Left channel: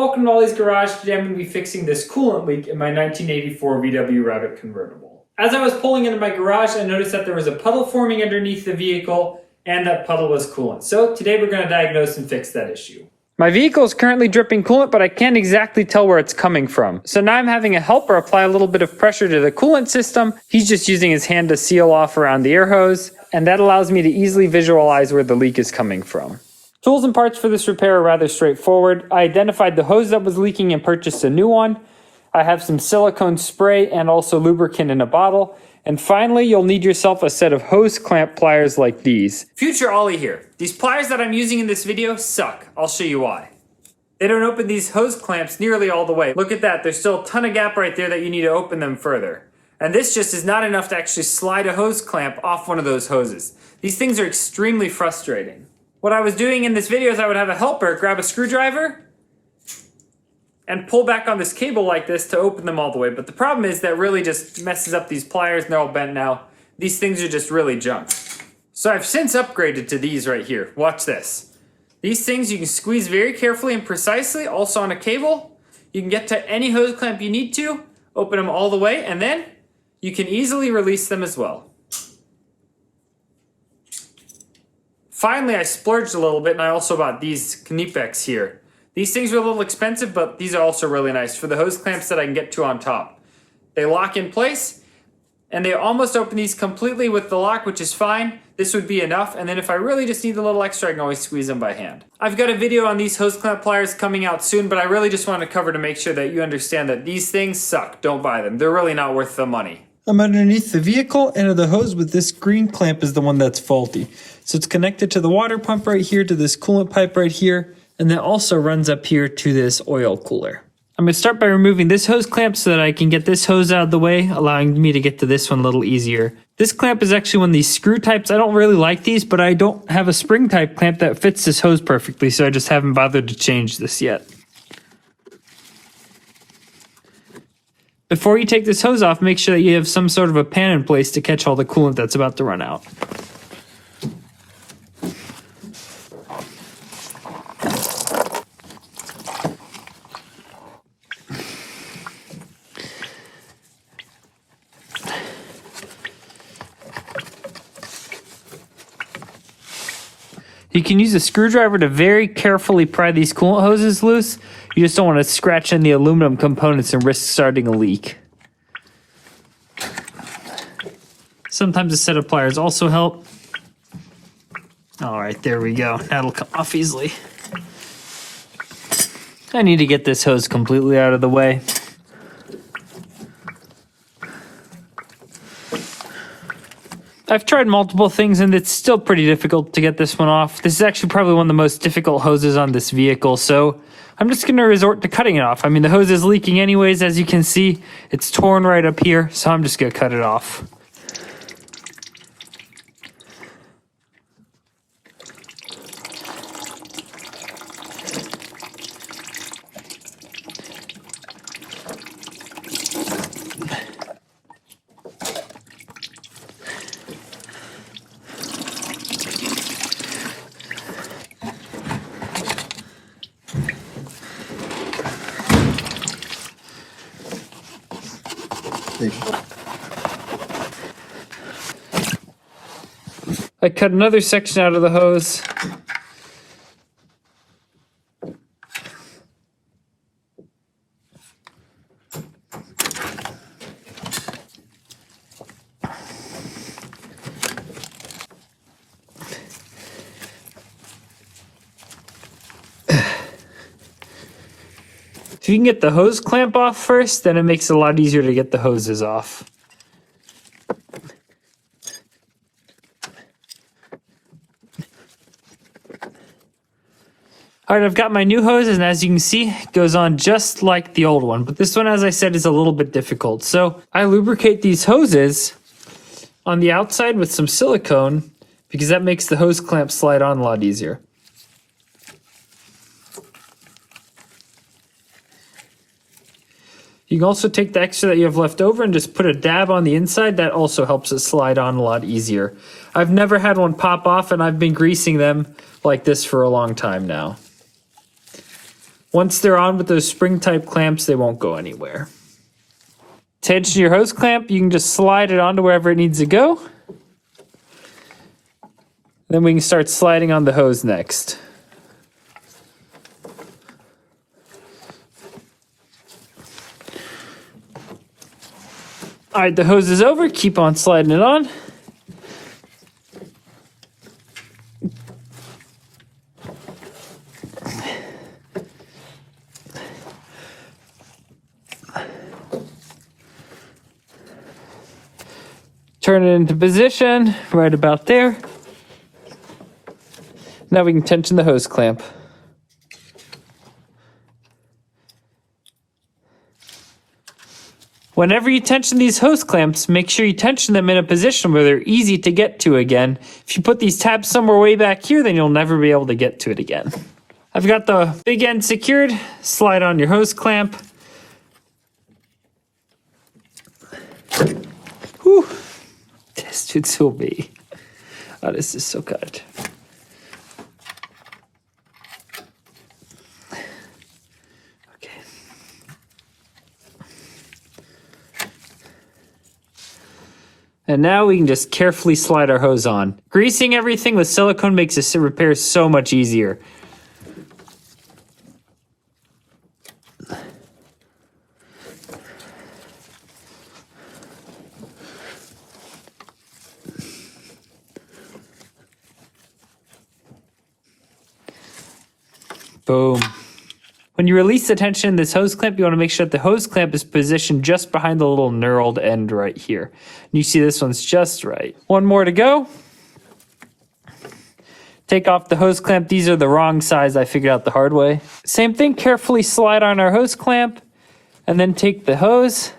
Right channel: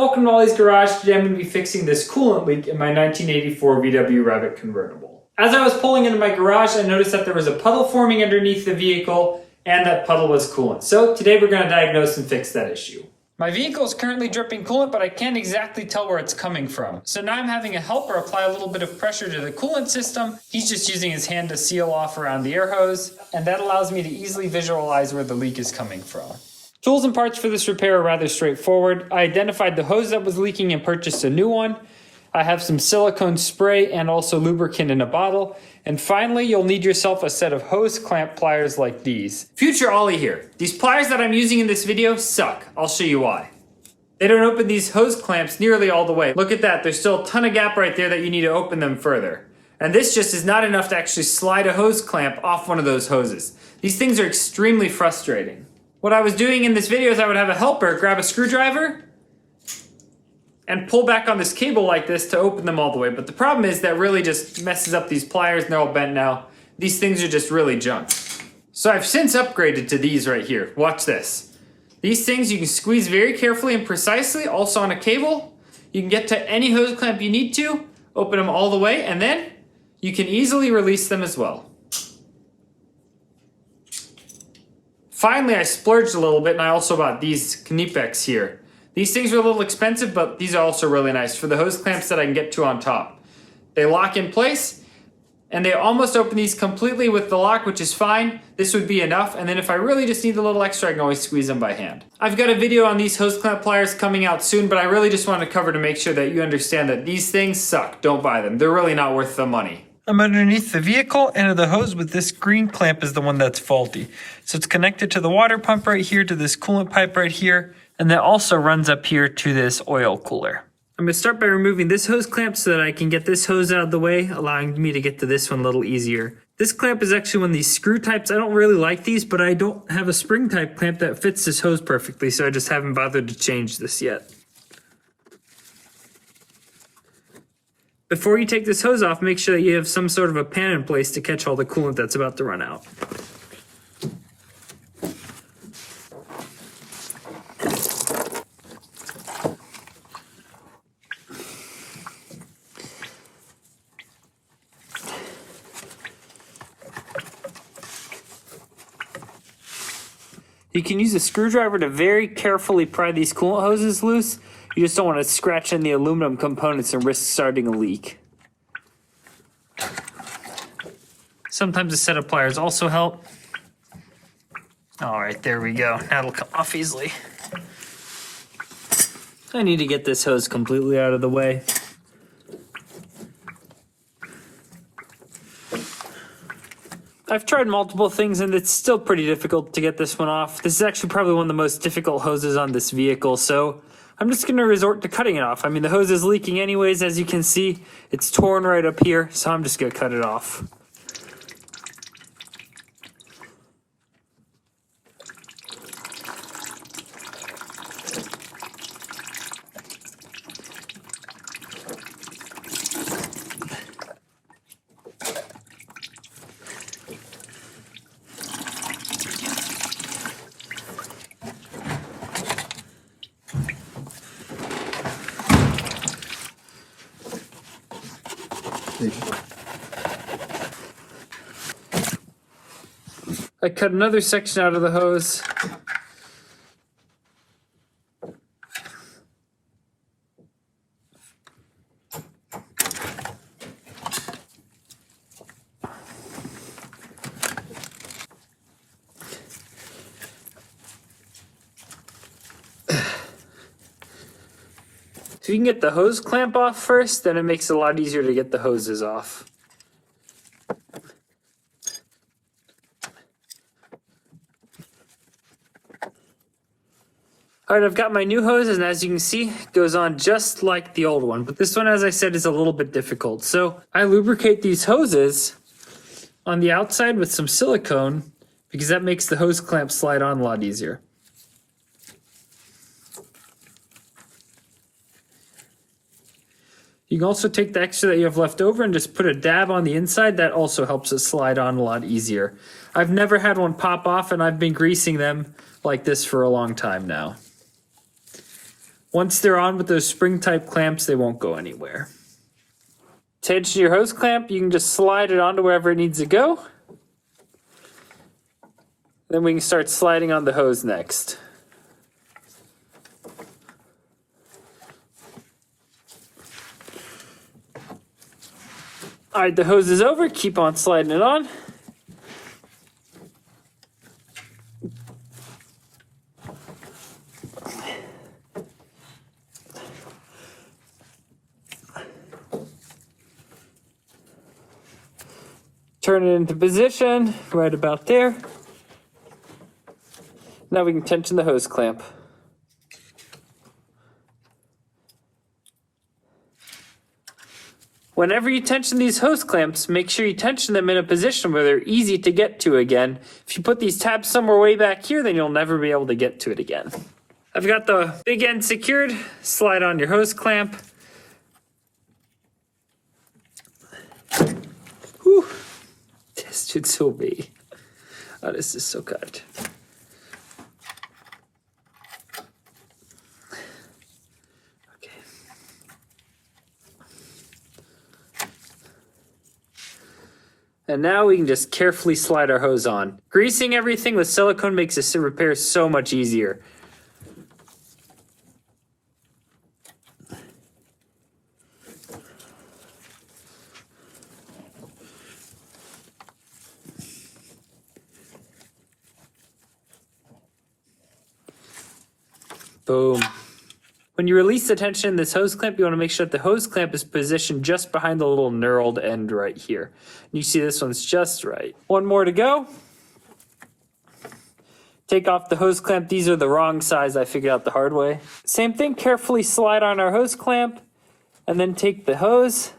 Hello, welcome to Ollie's Garage. Today I'm going to be fixing this coolant leak in my 1984 VW Rabbit convertible. As I was pulling into my garage, I noticed that there was a puddle forming underneath the vehicle, and that puddle was coolant. So today we're going to diagnose and fix that issue. My vehicle is currently dripping coolant, but I can't exactly tell where it's coming from. So now I'm having a helper apply a little bit of pressure to the coolant system. He's just using his hand to seal off around the air hose, and that allows me to easily visualize where the leak is coming from. Tools and parts for this repair are rather straightforward. I identified the hose that was leaking and purchased a new one. I have some silicone spray and also lubricant in a bottle. And finally, you'll need yourself a set of hose clamp pliers like these. Future Ollie here. These pliers that I'm using in this video suck. I'll show you why. They don't open these hose clamps nearly all the way. Look at that, there's still a ton of gap right there that you need to open them further. And this just is not enough to actually slide a hose clamp off one of those hoses. These things are extremely frustrating. What I was doing in this video is I would have a helper grab a screwdriver and pull back on this cable like this to open them all the way. But the problem is that really just messes up these pliers and they're all bent now. These things are just really junk. So I've since upgraded to these right here. Watch this. These things you can squeeze very carefully and precisely, also on a cable. You can get to any hose clamp you need to, open them all the way, and then you can easily release them as well. Finally, I splurged a little bit and I also bought these Knipex here. These things are a little expensive, but these are also really nice for the hose clamps that I can get to on top. They lock in place and they almost open these completely with the lock, which is fine. This would be enough. And then if I really just need a little extra, I can always squeeze them by hand. I've got a video on these hose clamp pliers coming out soon, but I really just want to cover to make sure that you understand that these things suck. Don't buy them. They're really not worth the money. I'm underneath the vehicle, and the hose with this green clamp is the one that's faulty. So it's connected to the water pump right here, to this coolant pipe right here, and that also runs up here to this oil cooler. I'm going to start by removing this hose clamp so that I can get this hose out of the way, allowing me to get to this one a little easier. This clamp is actually one of these screw types. I don't really like these, but I don't have a spring type clamp that fits this hose perfectly, so I just haven't bothered to change this yet. Before you take this hose off, make sure that you have some sort of a pan in place to catch all the coolant that's about to run out. You can use a screwdriver to very carefully pry these coolant hoses loose. You just don't want to scratch in the aluminum components and risk starting a leak. Sometimes a set of pliers also help. All right, there we go. That'll come off easily. I need to get this hose completely out of the way. I've tried multiple things and it's still pretty difficult to get this one off. This is actually probably one of the most difficult hoses on this vehicle, so I'm just going to resort to cutting it off. I mean, the hose is leaking anyways, as you can see. It's torn right up here, so I'm just going to cut it off. I cut another section out of the hose. If you can get the hose clamp off first, then it makes it a lot easier to get the hoses off. Alright, I've got my new hoses, and as you can see, it goes on just like the old one. But this one, as I said, is a little bit difficult. So I lubricate these hoses on the outside with some silicone because that makes the hose clamp slide on a lot easier. You can also take the extra that you have left over and just put a dab on the inside. That also helps it slide on a lot easier. I've never had one pop off, and I've been greasing them like this for a long time now. Once they're on with those spring-type clamps, they won't go anywhere. To tension your hose clamp, you can just slide it onto wherever it needs to go. Then we can start sliding on the hose next. All right, the hose is over. Keep on sliding it on. Turn it into position, right about there. Now we can tension the hose clamp. Whenever you tension these hose clamps, make sure you tension them in a position where they're easy to get to again. If you put these tabs somewhere way back here, then you'll never be able to get to it again. I've got the big end secured. Slide on your hose clamp. Whew. This should still be. Oh, this is so good. And now we can just carefully slide our hose on. Greasing everything with silicone makes this repair so much easier. Boom. When you release the tension in this hose clamp, you want to make sure that the hose clamp is positioned just behind the little knurled end right here. And you see this one's just right. One more to go. Take off the hose clamp. These are the wrong size. I figured out the hard way. Same thing, carefully slide on our hose clamp and then take the hose,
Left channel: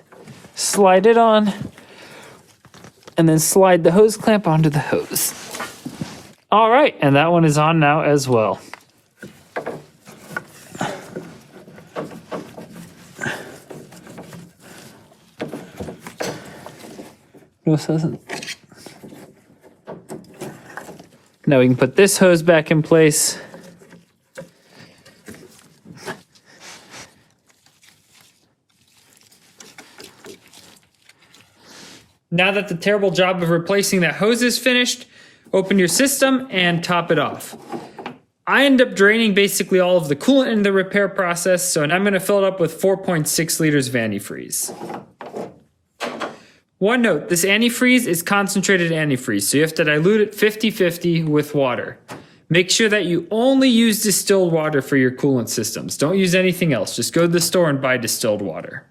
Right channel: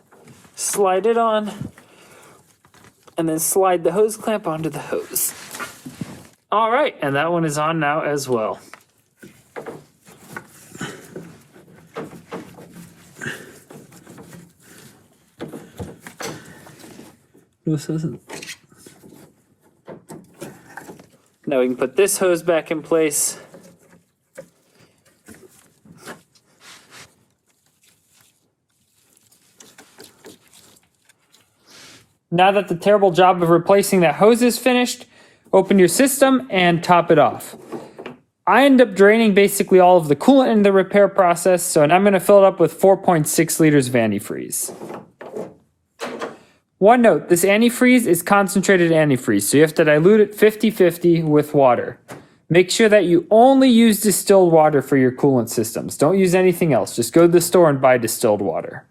slide it on, and then slide the hose clamp onto the hose. All right, and that one is on now as well. No, it doesn't. Now we can put this hose back in place. Now that the terrible job of replacing that hose is finished, open your system and top it off. I end up draining basically all of the coolant in the repair process, so I'm going to fill it up with 4.6 liters of antifreeze. One note, this antifreeze is concentrated antifreeze, so you have to dilute it 50-50 with water. Make sure that you only use distilled water for your coolant systems. Don't use anything else. Just go to the store and buy distilled water.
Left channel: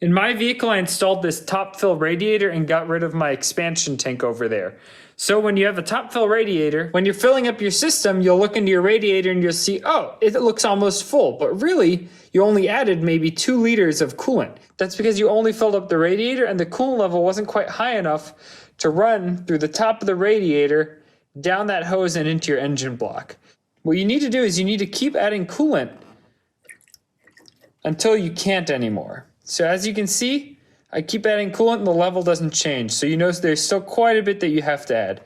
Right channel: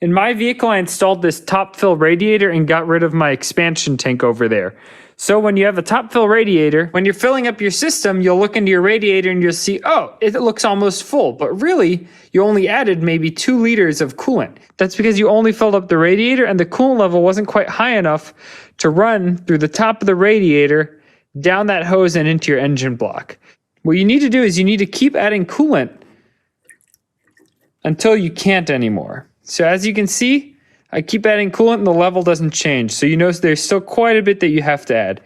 In my vehicle, I installed this top fill radiator and got rid of my expansion tank over there. So when you have a top fill radiator, when you're filling up your system, you'll look into your radiator and you'll see, oh, it looks almost full. But really, you only added maybe 2 liters of coolant. That's because you only filled up the radiator and the coolant level wasn't quite high enough to run through the top of the radiator, down that hose and into your engine block. What you need to do is you need to keep adding coolant until you can't anymore. So as you can see, I keep adding coolant and the level doesn't change. So you notice there's still quite a bit that you have to add.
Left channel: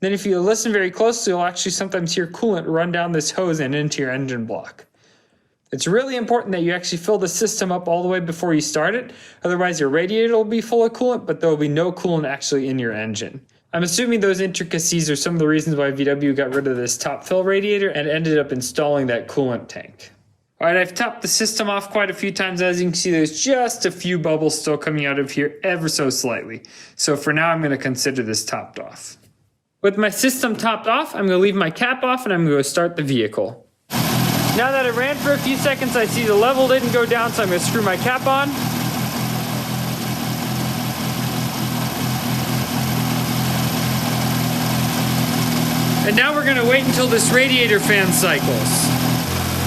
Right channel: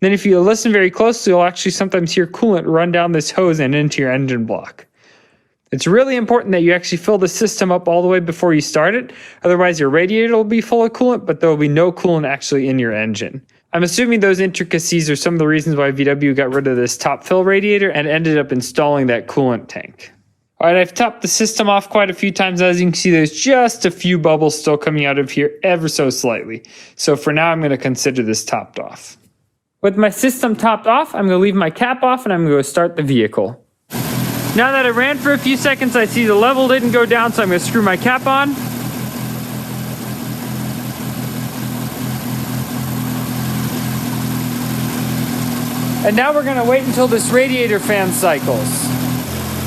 Then if you listen very closely, you'll actually sometimes hear coolant run down this hose and into your engine block. It's really important that you actually fill the system up all the way before you start it. Otherwise your radiator will be full of coolant, but there will be no coolant actually in your engine. I'm assuming those intricacies are some of the reasons why VW got rid of this top fill radiator and ended up installing that coolant tank. All right, I've topped the system off quite a few times. As you can see, there's just a few bubbles still coming out of here ever so slightly. So for now, I'm going to consider this topped off. With my system topped off, I'm going to leave my cap off and I'm going to start the vehicle. Now that it ran for a few seconds, I see the level didn't go down, so I'm going to screw my cap on. And now we're going to wait until this radiator fan cycles.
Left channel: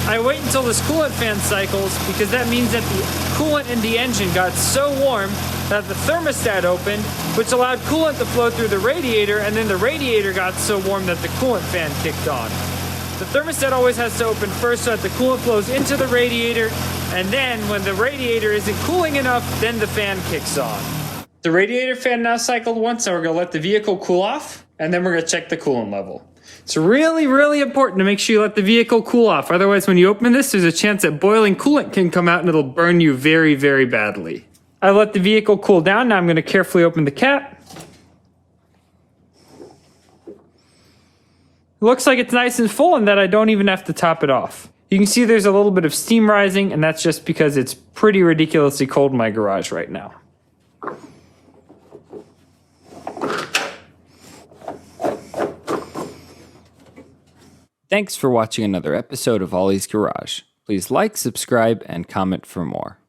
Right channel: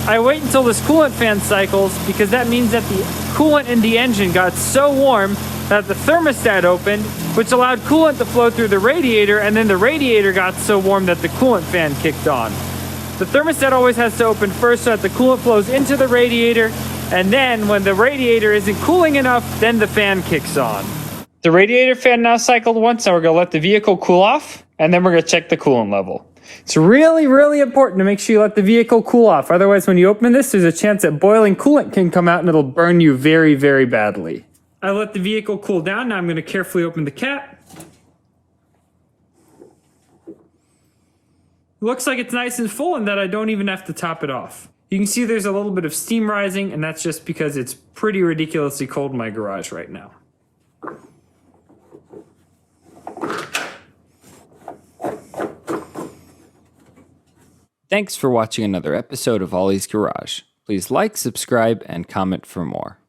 I wait until this coolant fan cycles because that means that the coolant in the engine got so warm that the thermostat opened, which allowed coolant to flow through the radiator, and then the radiator got so warm that the coolant fan kicked on. The thermostat always has to open first so that the coolant flows into the radiator, and then when the radiator isn't cooling enough, then the fan kicks on. The radiator fan now cycled once, and we're going to let the vehicle cool off, And then we're going to check the coolant level. It's really, really important to make sure you let the vehicle cool off. Otherwise, when you open this, there's a chance that boiling coolant can come out and it'll burn you very, very badly. I let the vehicle cool down. Now I'm going to carefully open the cap. Looks like it's nice and full and that I don't even have to top it off. You can see there's a little bit of steam rising, and that's just because it's pretty ridiculously cold in my garage right now. Thanks for watching another episode of Ollie's Garage. Please like, subscribe, and comment for more.